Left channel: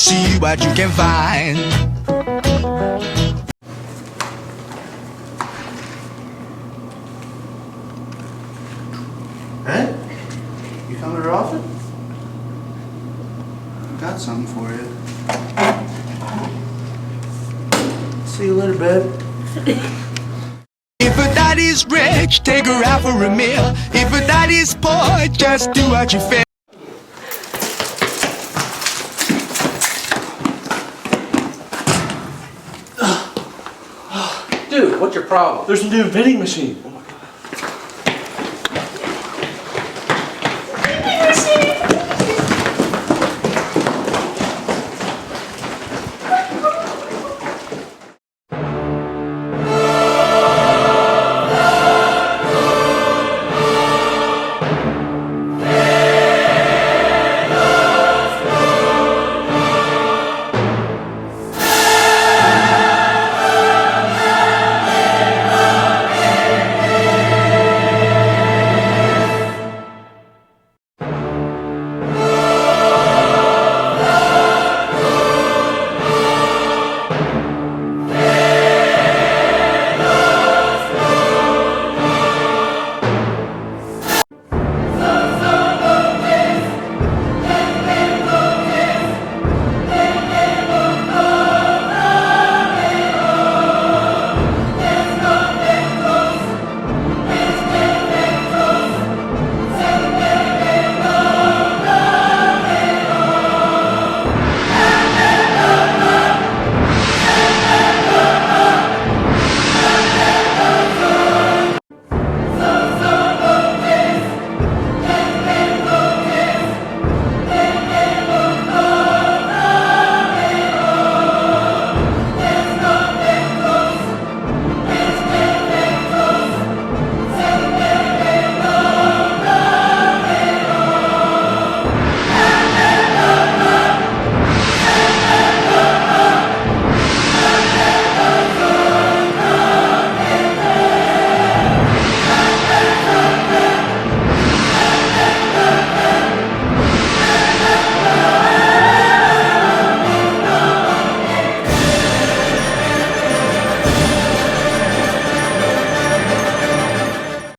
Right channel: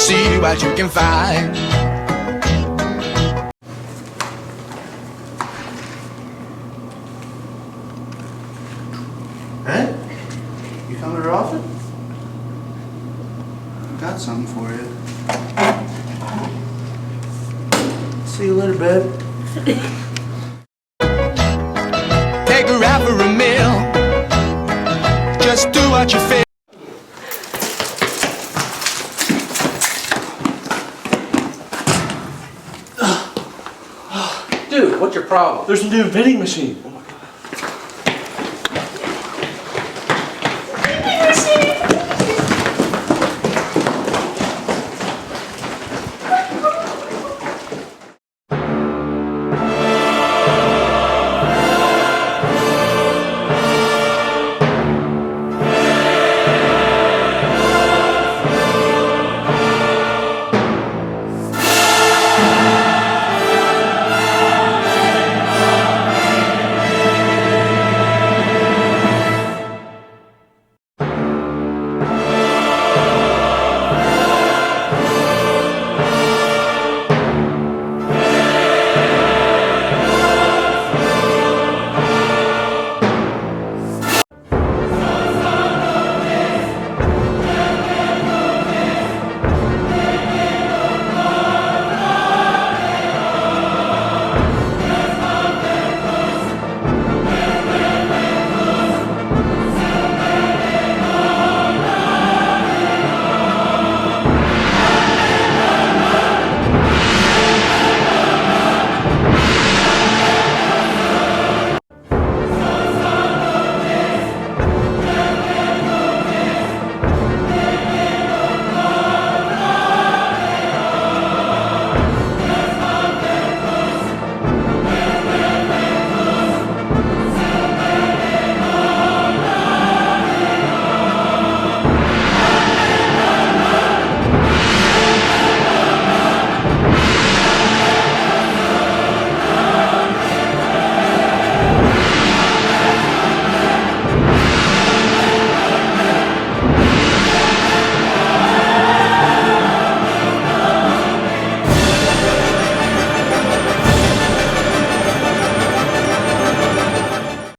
see what you can find. Ed? You come here often? Got something for you. See you later, babe. If a daddy's rich, take her out for a meal. If a daddy's poor, just do what you feel. Dude, what's your problem? There's a new vending machine.